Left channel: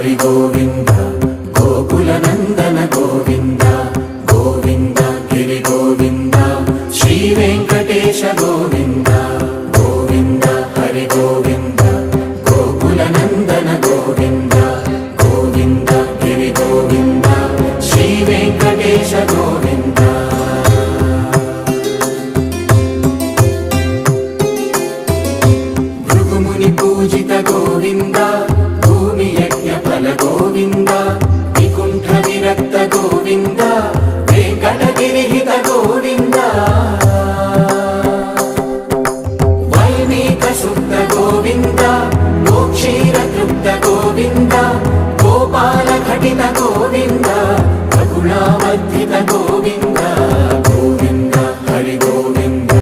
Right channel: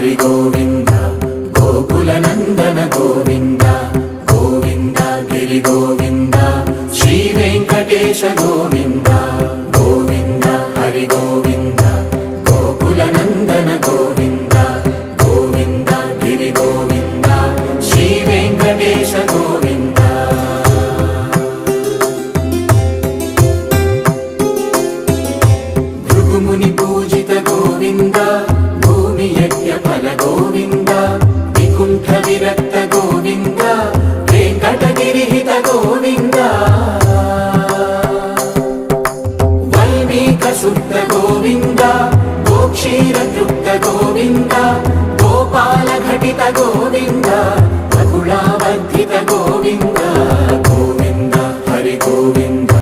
హరి గోవింద గోకుల నందన గోవింద గోవింద గిరి గోవింద శ్రీ వెంకటేశ గోవింద గోవింద హరి గోవింద గోకుల నందన గోవింద గోవింద గిరి గోవింద శ్రీ వెంకటేశ గోవింద భృగుముని పూజిత గోవింద భూమి యజ్ఞ ఫల గోవింద వికుంఠ విరక్త గోవింద వెంకటగిరిహిత గోవింద వైదిక శుద్ధ గోవింద గోక్షీర తృప్త గోవింద గోపాల ఘటిత గోవింద